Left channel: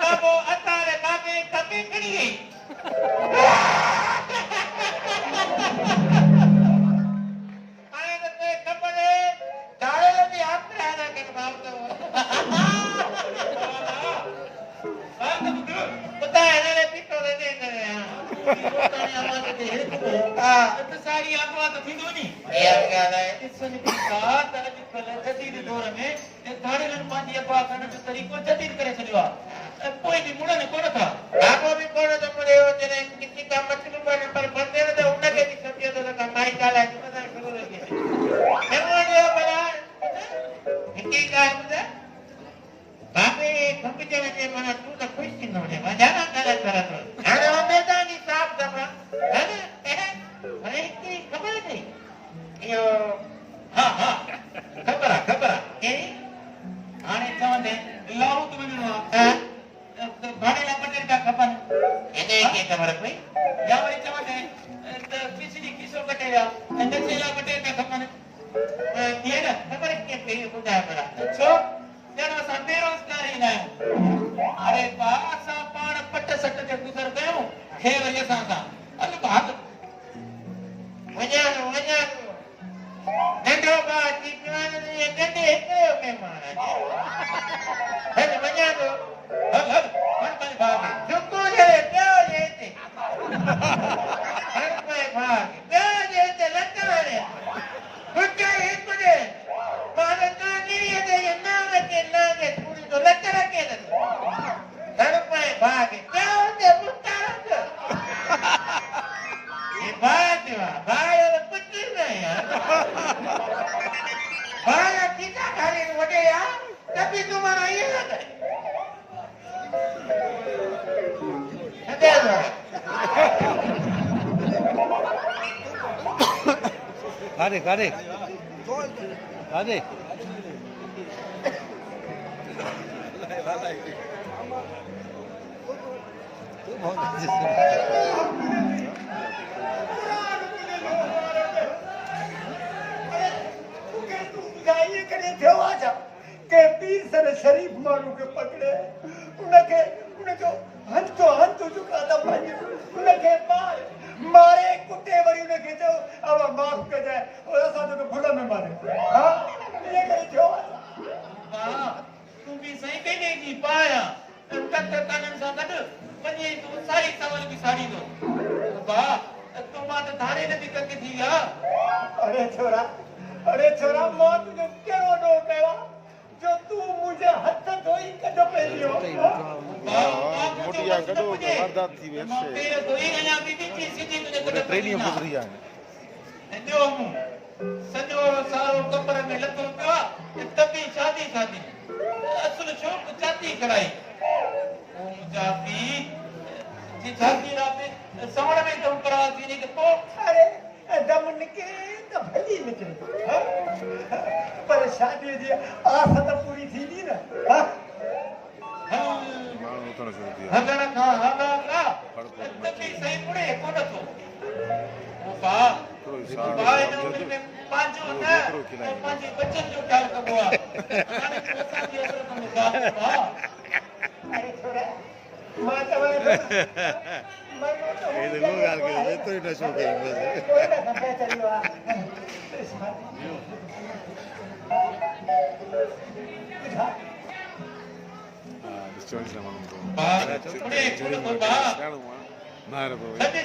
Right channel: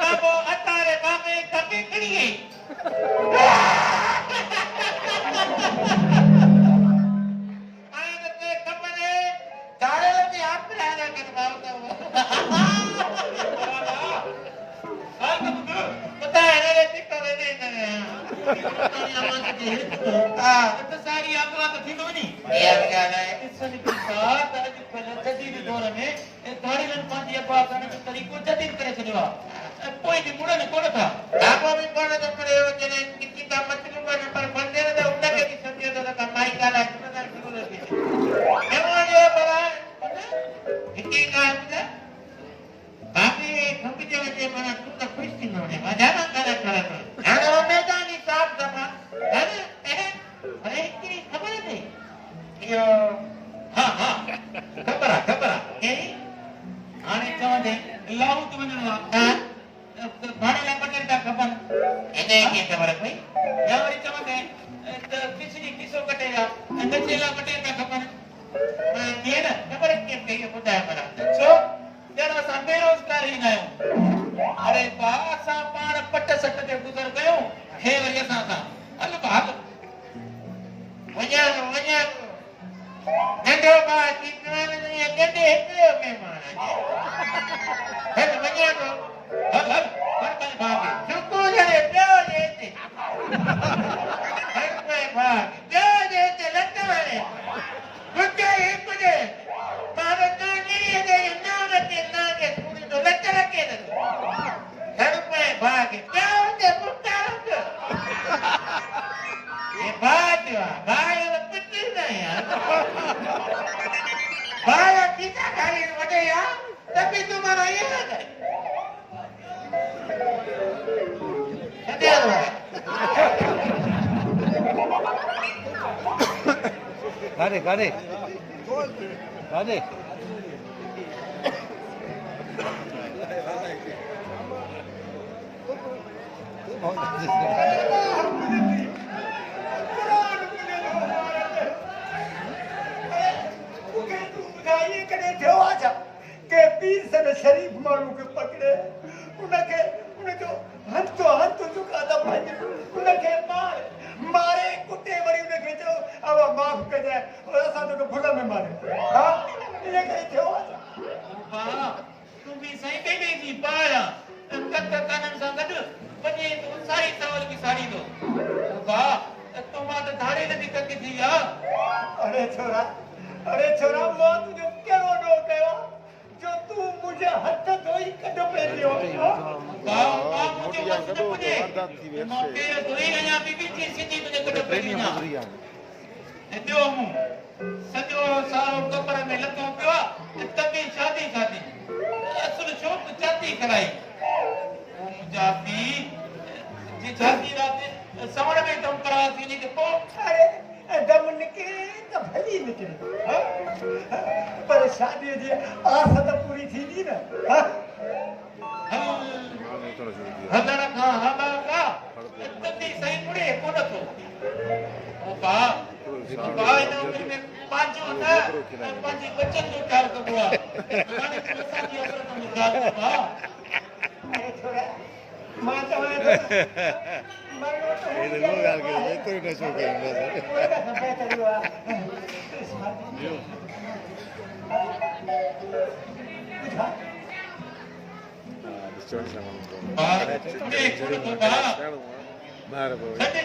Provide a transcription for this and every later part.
बाबो अतारे बाबे कके करिए आने पे कपड़े दाड़े लगे हाथ में आना के बाबू का हां तो पता है ने पिको ने तो आवाज दे हां तो सारी आवाज थी तो नहीं यार क्या है इसने पिता तर जदीद दौर में दाड़े में पांच अब्बा करने के तरीको जदीद करे छवा कोई भी मुड़न कोन था आपको भी कोन तो पड़े हो जने कितनी काम मत पर बंदे ने तो उन्ना के भी सत्य तो कमाई का है तो शुरू हो गया केमोडियो बला इतनी का है बापे कंपनी के मैंने तू तो खुश थी ने मजा ना करा करा तो अरे वो मैदानी साफ जमा अरे भाई की खबर नहीं यो हां हां खबर ए आने कौन है लाऊ तुम ने हां भाणेला पटेल का खबर એને કે ખબર ભાઈ યાવરી ચમતે પીસડી કિસો કટેયા નચેલા પટેલ का खबर કેર ખબર કે કઈ બુધાય પડા છો તેનો सा बेरोजगार ही ना अरे पासा पाण पट सट के गुजर गयो हे वजह सा अल बात वजह नंढो बा कितना ये गडे है मेहमान है वजह तो हब पर भागे सुकू जरे प्यो देते हर पे भागे प्यो देते लगता है कुछ एक बजे पाने तो नहीं है ये नाव के पूरी तो लगता है हर पे भागे प्यो दे बुट्टा ये बात बाहर कुछ नहीं यार बाहर कितना खाली वटे यार तभी तुम्हारा ये है कारे कारे कारे के पीर सर शरीफ मानू के पकड़े उनके हंत चुका था भाई उनके मारे कुत्ते बड़ी उनके जो अब माफ कर जाए और ऐसा तो भुला में मारे हां ये कहीं थे वाह तू भी सही पे गई पाया तक कानन सा गड बने सारी चावल की साड़ी दो वाह तुम मां तो धारे ने भी करके थी यार अरे छोरा मां तुझे क्या रो कहो जो तू मुझे हथ धोई कजो पहलियो वाह मुझे कजो हरदान थी वे के धोई ना बीबी थी सीधी तुझे कजो पहली ना दो मु सजो सारो कपर में लतो पियो तभी शादी असल शौक चाती कराई ओ मुजाती जी शादी रात समण में तो करवाती नहीं तो अरे दम निकले तो भली निकले पर शादी जी आस तो पूरी थी नहीं ना हदर का हबा तभी सही पड़े कोन तो बा जो में पांचो ना पांच बच्चन जो ख्याल कबो माने को शादी असर तुम गाल अरे छोरे मां तो ये देखो गाल के मैं तो इतना शौक है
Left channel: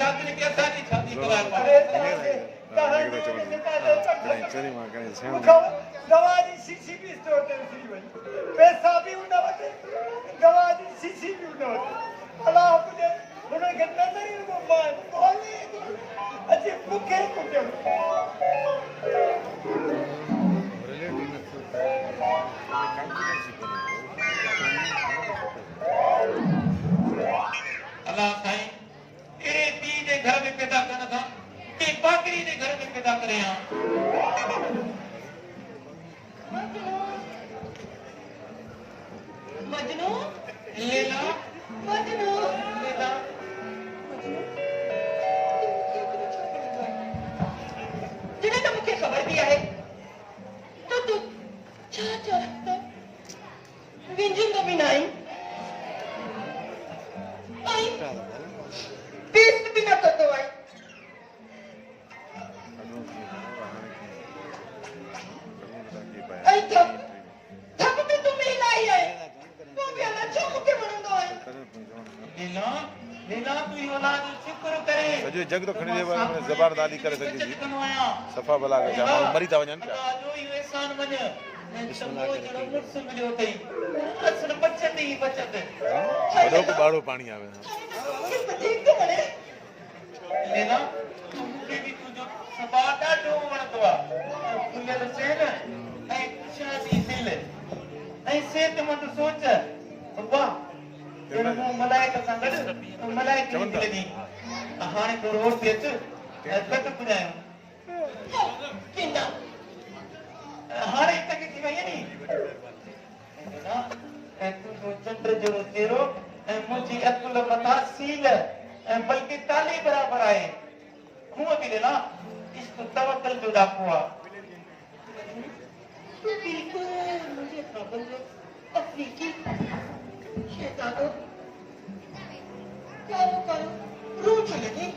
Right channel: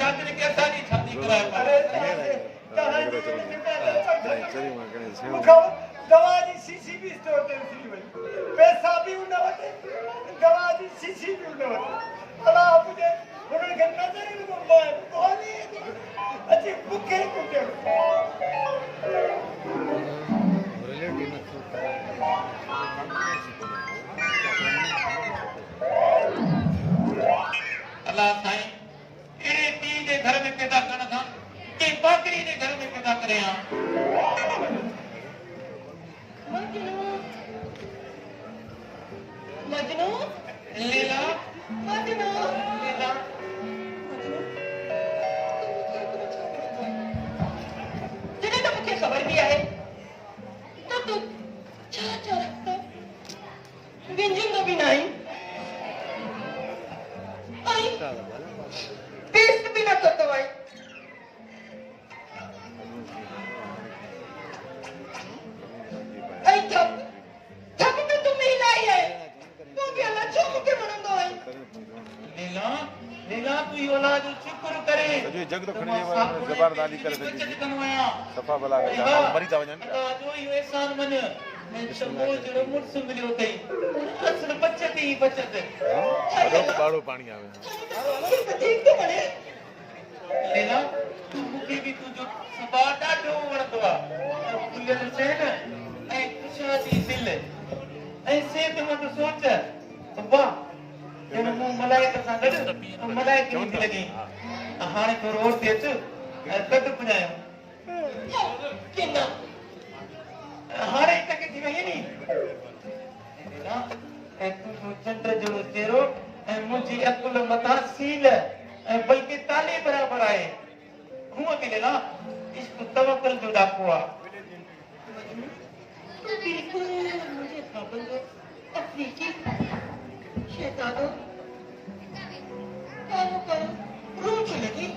शादी क्या शादी कराए दवा जी शीशी भी स्टोर पे पैसा भी उन्हें बचे दवा जी शीशी भी उन्हें बचे अब मुझे उन्होंने कहना नहीं तो मैं कौन अच्छे भूखे कुत्ते अल्लाह साईं एड़े ती जे घर में पैदा करना था कि बाकरी जे घर में पैदा करे हां मजनू लीला मजनू लीला जिन्हें तो मुझे खबर दिया है तो तू चाचा विंजन तो भी नहीं टेस्ट भी न करतो भाई आई थक भी तुम ही लाई है तू भी हमें चुप के मनंदो भाई लीला तू ही औलाद शुक्र करे जो जग तो खड़ी है जबरदारी करे सकी सफा भला मरी था वजन जो ही एहसान मन मैं तो वो जड़ो मुर्स मिलियो तई असल बचत ही बचत हां बाड़ो पानी आवे ठीक तो करे लीला मुके भी तू जो सदा ॾाढो वणंदो आहे खुलियल शहर ऐं शादी दिल ऐं सेहतमंद सोच वाह ॼण मूं मलाइक सां गॾु मलाइक जी दिल ॾी हाणे तूं रोड ते अच गॾु पुॼायो किन्ना हाणे तक थी वई नी तूं चंड जहिड़ो चेहरो ऐं मुंहिंजी अकुल मथां सील ऐं बल्कि ताली बराबरि आहे हूअं बि ॾिना इश्क तवक्कुल जो ॾाको आहे बिल्कुल मुझे खबर है अफ्रीकी शैतानो करो रूह चलेगी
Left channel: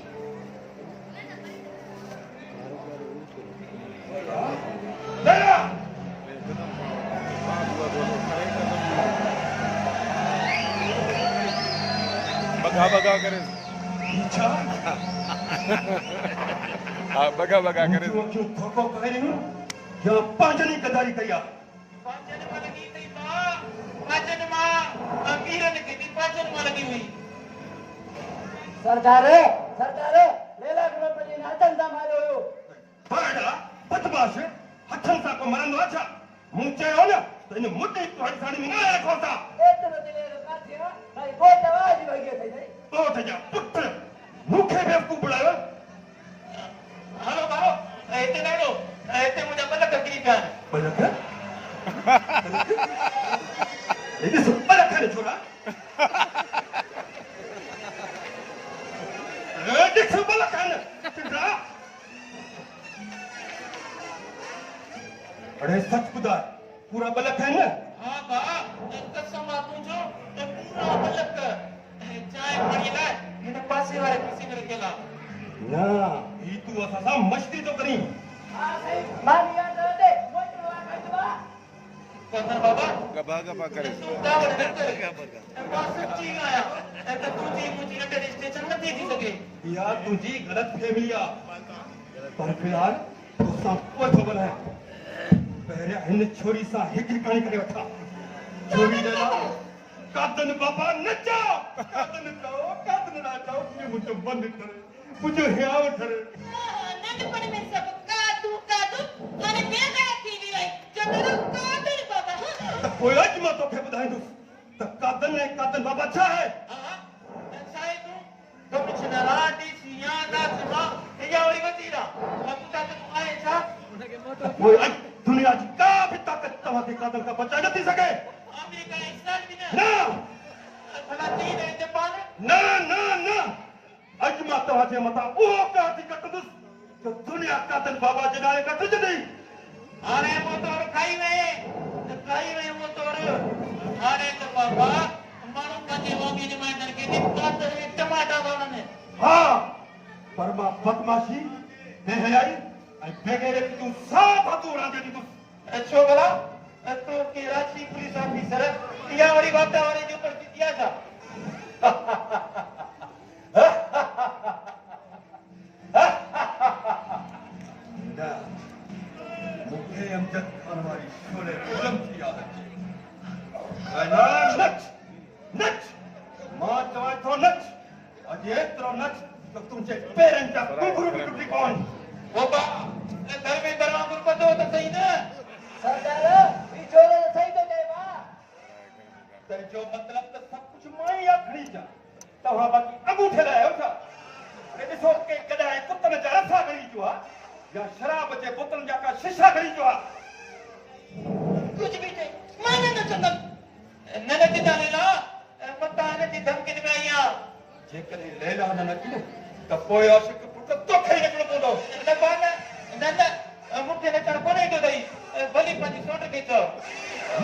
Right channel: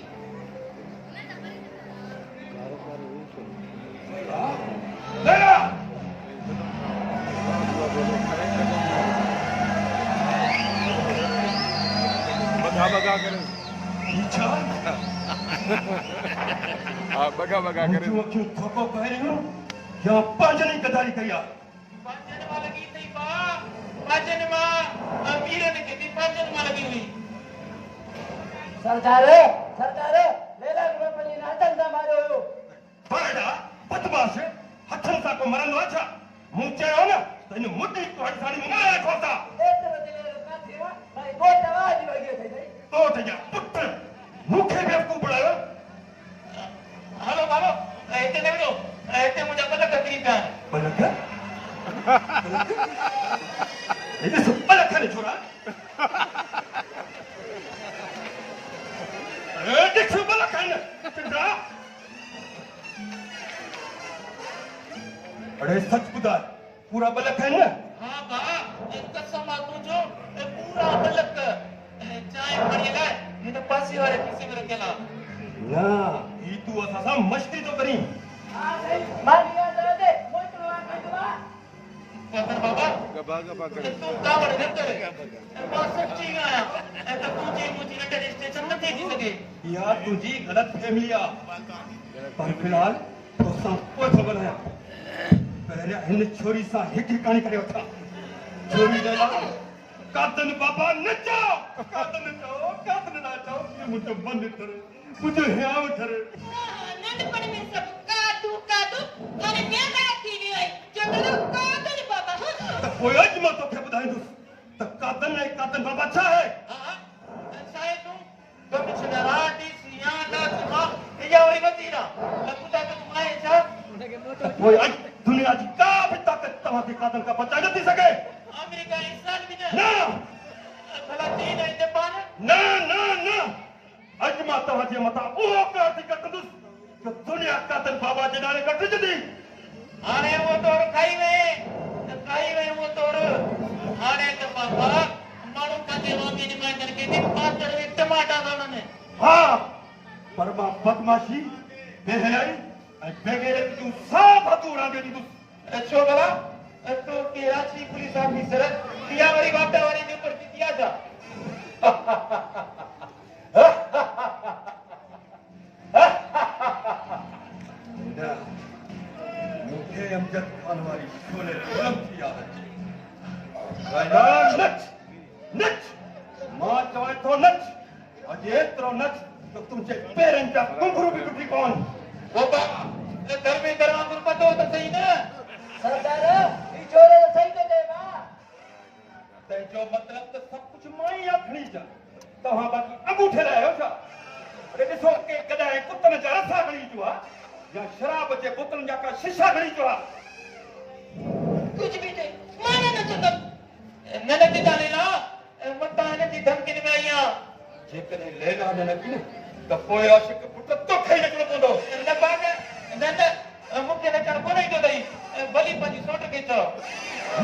तेरा बगा करे बगा करे क्यों थोको कह रही हूं या पांचनी गदारी करिया पांचन मां लगी थई पा पांचन मां वीरन खे बि पांचन मां लगी हुई सरदार लेला रुपनी नाचन दा मारो बाड़ा बदमाश हथन सा को मरन वाचा मुंचे हो ना तो इन मुट्ठी तो हड़सानी मारा खोता एतरो दिले का थीरा भाई बहुत आवाज लगे थे तो जा पुत्र मुखे में को बुलायो हलो बालो एते नेड़ो एते मुझे पलक करी पिया पलक इते सब पलक खाने छोरा देख सब पलक खाने चंद्रा अरे सच खुदा पूरा बलक है ना हां बा कसम आ तुझो पूरा बलक चाय खड़ी है इन पासे वाले किसी में रखेला ना ई तू असा मस्ती तो करी कहतर बाबा गबा करे तू कावड़ न करे मैं सच्ची आया तो तुझी मुझी अंडर स्टेशन न देखी सके या तुझी गलत फहमिया पर फिलहाल तो सब कोई तो बनाया पहले इन छोरी सा हिक कहानी करे वठा छोरी दे कादन बाबा नचो कादन नाचो कि मुझे बंद करे मुझे हियाव करे नंढपण में सब कादू हाणे ॿिया ॻाल्हि थी वई आहे चङो कादन बाबा कोई अज मां तोखे ॿुधाईंदुसि त कादन बाबा छा आहे हां साईं तू कमिश्नर डीसी या दासमा या वरी वजीरा लकुता तू आए छा कोई अज दुनिया जी का भी ताकत तव्हांखे कादन का बचा न थी सघे अमेरिका इसराइल भी न भला चीन ऐं जापान न अज मां तव्हांजे मथां उहो कादी कटंदुसि जो दुनिया कादन बाबा जे नाले कटजंदी हाणे वो तोर खाई वे वो तोर हाणे त बाबा माण्हू पंहिंजे मामी जे माइटनि खे बि पातर में टमाटा था उन्हनि हा पर मां बदमाशी बेहयाई ऐं बेगैरत जूं सभु हदूं उॾामे ॾींदुसि छो भला तो के रांची पुलिस ऑफिसर या वरी वापटा वारी जे पर जितिया था मूंखे अमजद खान वारी शोले फिल्म थी याद अचे नच मां चवां थो नच अॼु एतिरो नच त तुंहिंजे पेरनि जा कुंगरू बि टुटी पवनि बाबा घर में दरवाज़ो पतो त सही न सरदार ई छोरो सही थो चए मां तंहिंजो मतिलब त सभु कुझु मां ई आखणी जा तव्हां बाक़ी अंगूठे लाइ आहियो छा अरे ॾिसो के कॾहिं कुतनि जा रसा खणी जो आहे या शराब जे बोतलनि जा का शीशा खणी जो आहे कुछ भी नहीं माने न चंदन न नचंदा लेला मता हिन जी धमकियुनि में आई आहियां जेकॾहिं लैला न नची न त पोइ आशिक पुट तोखे ई नचणो पवंदो न बाग न मूंखे नचणु कोन ईंदो अथई भली पंहिंजी सोट खे चओ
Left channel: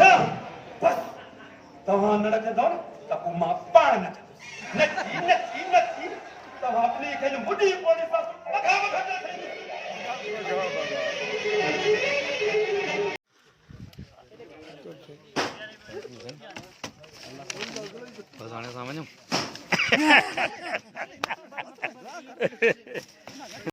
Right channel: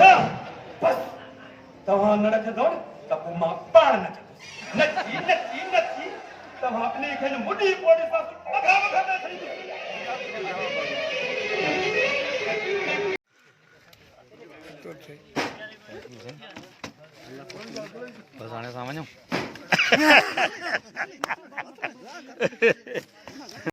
न बस तव्हां न नचंदव त पोइ मां पाण नचंदुसि नची खेन मुडी पोड़ी पास मखा मखा थई तो सही बस आने सामने